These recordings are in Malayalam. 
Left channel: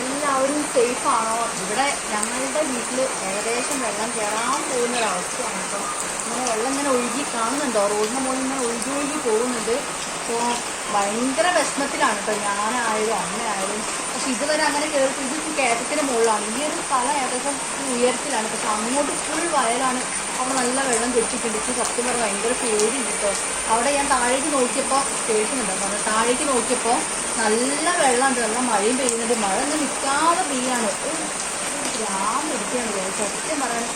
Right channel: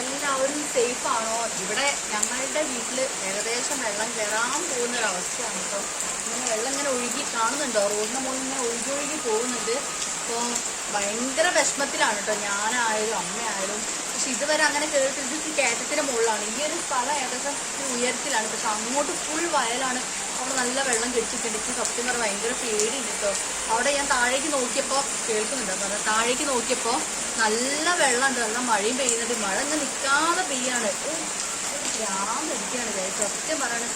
എല്ലാവരും സേഫ് ആണോ? ഇവിടെ ഞങ്ങളുടെ വീട്ടിൽ ഏകദേശം വെള്ളം കയറാൻ പോകുന്ന ഒരവസ്ഥയാണ് ഇപ്പം. ഇങ്ങനെ വെള്ളം ഇങ്ങനെ ഒഴുകി കാണുന്നുണ്ടോ? റോഡിന് മുകളിൽ ഇങ്ങനെ ഒഴുകി ഒഴുകി പോകുന്നുണ്ട്. അപ്പോൾ ഭയങ്കര വിഷമത്തിലാണ് കേട്ടോ. ഞാനായാലും അമ്മയായാലും. പക്ഷെ ഇതുവരെ അങ്ങനെ കയറി ഇത് ഈ കയറ്റത്തിന്റെ മുകളിലാണ്. ഈ ഒരു സ്ഥലം ഏകദേശം ഉയരത്തിലാണ്. പക്ഷെ അങ്ങോട്ട് ഫുൾ വയലാണ്. അവിടെ നല്ല വെള്ളം കെട്ടിട്ടുണ്ട് എനിക്ക് സത്യം പറഞ്ഞാൽ ഭയങ്കര പേടി കേട്ടോ അവിടെ ഞാൻ താഴേക്ക് നോക്കിയപ്പോൾ കേൾക്കുന്നുണ്ടോ പറഞ്ഞു താഴേക്ക് നോക്കിയപ്പോൾ നല്ല വെള്ളമുണ്ട്. നല്ല മഴയും പെയ്യുന്നുണ്ട്. മഴ ഇങ്ങനെ നിൽക്കാതെ പെയ്യാണ്. ഭ്രാന്തിരിക്കുകയാണ് സത്യം പറയണം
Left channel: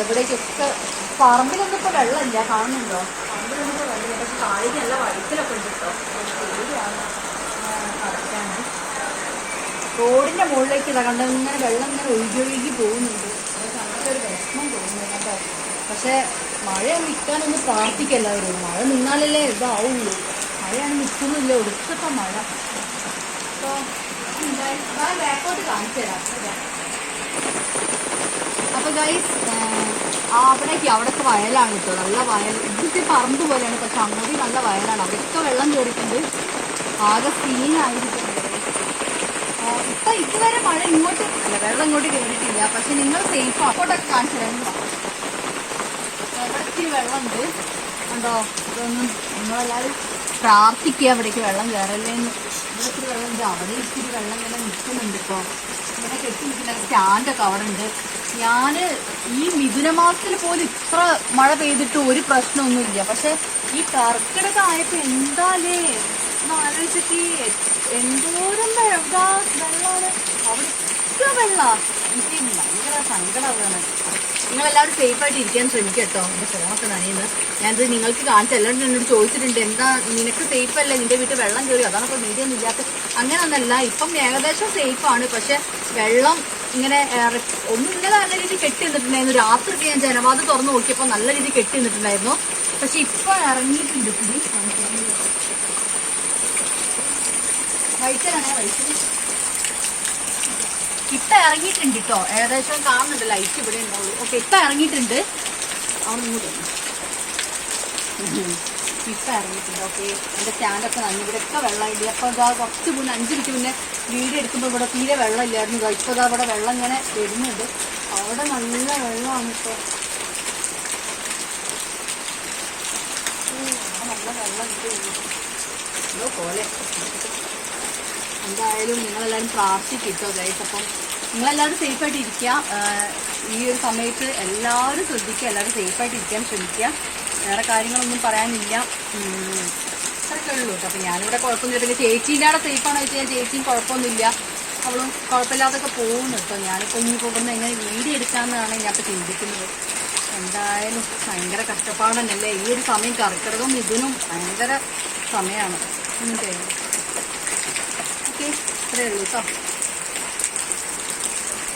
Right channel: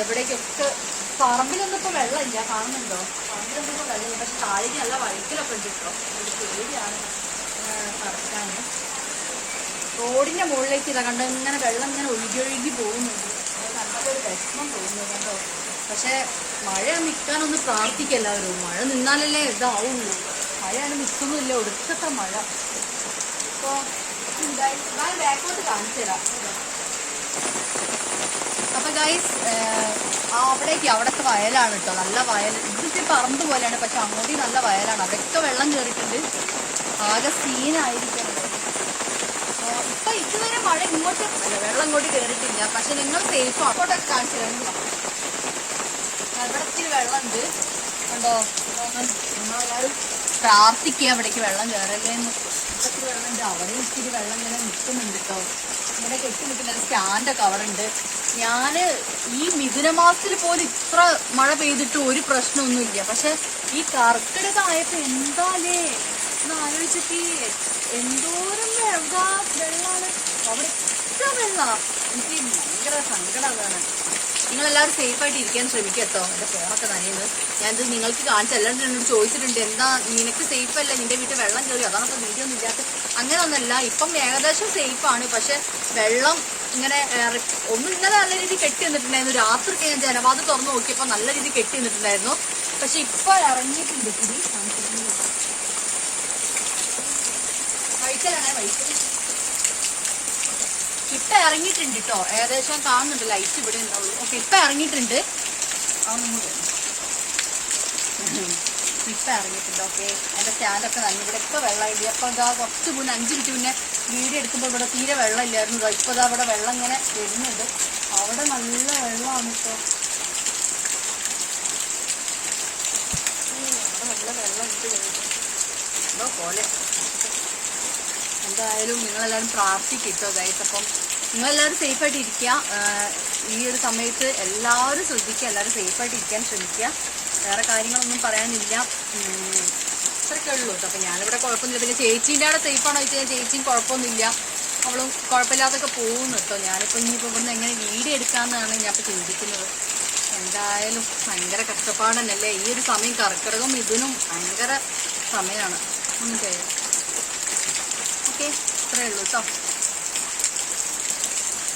എവിടേക്കൊക്കെ പറമ്പിലൊന്നും ഇപ്പോൾ വെള്ളമില്ല. കാണുന്നുണ്ടോ? പറമ്പിലൊന്നും ഇപ്പോൾ വെള്ളമില്ല. പക്ഷെ താഴേക്ക് നല്ല വഴുക്കലൊക്കെ ഉണ്ട് കേട്ടോ പേടിയാണ്. നടക്കാന്. റോഡിന്റെ മുകളിലേക്ക് ഇതാ കണ്ടോ ഇങ്ങനെ വെള്ളം ഇങ്ങനെ ഒഴുകി ഒഴുകി പോകുന്നുണ്ട്. വിഷമം തോന്നുന്നു കണ്ടോ പക്ഷെ മഴ നിൽക്കാനൊന്ന് പ്രാർത്ഥിക്കല്ലാവരും മഴ നിന്നാലല്ലേ ഇതാവുള്ളൂ. മഴയാണ് നിൽക്കുന്നില്ല. ഒടുക്കത്തെ മഴ. അപ്പൊ ഗൈസ് അവിടേക്ക് അവിടൊക്കെ വയലാണ് കേട്ടോ. നല്ല വയൽ. ഇതിന്റെ പറമ്പ് പോലെയാണ്. പക്ഷെ അങ്ങോട്ട് നല്ല വയലാണ്. അതൊക്കെ വെള്ളം കയറിയിട്ടുണ്ട് ആകെ സീനായിരിക്കും ഇപ്പൊ ഇതുവരെ മഴ ഇങ്ങോട്ട് അല്ല വെള്ളം ഇങ്ങോട്ട് കയറിയിട്ടില്ല പക്ഷെ നിങ്ങൾ സേഫ് അങ്ങോട്ടൊക്കെ കാണിച്ചു തരാം. ഇവിടേക്ക് വെള്ളമുണ്ട്. ഉണ്ടോ ഇതൊന്നും നിങ്ങളെല്ലാവരും പ്രാർത്ഥിക്കുക അവിടേക്ക് വെള്ളം കയറല്ലേന്ന് ഇവിടത്തിൽ വെള്ളമുണ്ട്. അവിടെ ഇച്ചിരി വെള്ളം ഇങ്ങനെ നിൽക്കുന്നുണ്ട് കേട്ടോ. ഇങ്ങനെ കെട്ടി നിൽക്കുന്ന സ്റ്റാൻഡൊക്കെ അവിടെ ഉണ്ട്. ഞാൻ ഈ മിഥുന മാസത്തിൽ പോലും ഇത്ര മഴ പെയ്തിട്ട് ഒരു പ്രശ്നമൊന്നുമില്ല. പക്ഷെ ഈ കർക്കിടക ആയപ്പോ എന്താലേ? ഒന്ന് ആലോചിച്ചൊക്കെ എന്തോരം വെള്ളാ. വെള്ളാണ് അവിടെ ആയിട്ട് ഇരിക്കാൻ ശ്രമിക്കട്ടോ. എന്റെ ഫോണൊക്കെ നനയുന്നു. ഞാനിത് നിങ്ങൾക്ക് കാണിച്ചല്ലാണ്ട് എന്നോട് ചോദിച്ചിട്ടുണ്ട് എന്താ നിനക്ക് സേഫ് അല്ല? നിന്റെ വീട്ടിൽ വെള്ളം കയറി അതാണ് ഇപ്പൊ വീഡിയോ ഒന്നും ഇല്ലാത്ത അങ്ങനെ ഒന്നല്ല. ഇപ്പം ഏകദേശം സേഫ് ആണ്. പക്ഷെ വെള്ളം ഇങ്ങനെ ഒന്നും ഇന്നലെ നല്ല രീതിയിൽ കെട്ടി നിന്നിട്ടുണ്ടായിരുന്നു. രാത്രി ഞാൻ ജനവാദം തുറന്നു നോക്കിയപ്പോൾ നല്ല രീതിയിൽ കെട്ടി നിന്നിട്ടുണ്ടായിരുന്നു. പക്ഷെ ഇപ്പൊ ഇറങ്ങിയിട്ടുണ്ട്. ഇപ്പൊ ഇറങ്ങിയിട്ടുണ്ട് കേട്ടോ. ഏകദേശം കാണുന്നുണ്ട് ലൈറ്റ് ഇവിടെ ഉണ്ടാവുള്ളൂ. ഓക്കെ ഇപ്പൊ ഇറങ്ങിയിട്ടുണ്ട്. ഇട്ട ഇറങ്ങിയിട്ടുണ്ട്. ഓക്കെ എന്റെ സ്റ്റാൻഡൊക്കെ നന്ദി ഇവിടെയൊക്കെ വെള്ളമില്ല. അപ്പൊ ഇതാ കുറച്ച് മുന്നേ അഞ്ച് മിനിറ്റ് മുന്നേ വീഡിയോ എടുക്കുമ്പോൾ ഇവിടെ തീരെ വെള്ളമില്ലായിരുന്നു. ഇല്ലായിരുന്നു ഇപ്പൊ ഇതാ ഇവിടെ വെള്ളം ഇങ്ങനെ വരുന്നുണ്ട്. അവിടെ നല്ല വെള്ളമാണ് ഇപ്പൊ. നല്ല വെള്ളം എന്തോ പോലെ. എന്തായാലും നിങ്ങളെല്ലാവരും പ്രാർത്ഥിക്കിട്ടോ ഗൈസ് അപ്പം നിങ്ങളെല്ലാവരും സേഫായിട്ട് ഇരിക്കുക ഈ ഒരു സമയത്ത് എല്ലാവരും ശ്രദ്ധിക്കുക. എല്ലാവരും സേഫായിട്ട് ഇരിക്കാൻ ശ്രമിക്കുക. വേറെ കാര്യങ്ങളൊന്നും പറയാനില്ല. അതൊക്കെ ഉള്ളൂ കേട്ടോ. അപ്പം ഞാനിവിടെ പിന്നെ ചേച്ചീന്റെ അവിടെ സേഫാണോ ചോദിച്ചാൽ ചേച്ചിയും കുഴപ്പമൊന്നുമില്ല. അവളും കുഴപ്പമില്ലാതൊക്കെ പോകുന്നു കേട്ടോ. ഞാനിപ്പോൾ ഇനി പോകുന്ന എങ്ങനെ വീട് എടുക്കാമെന്നാണ് ഞാൻ ഇപ്പോൾ ചിന്തിക്കുന്നത്. എന്തായാലും ഭയങ്കര കഷ്ടപ്പാടന്നല്ലേ? ഈ ഒരു സമയം കർക്കിടകം ഇതിനും ഭയങ്കര സമയമാണ്. ഓക്കെ ഓക്കെ ഇത്രയേ ഉള്ളൂ കേട്ടോ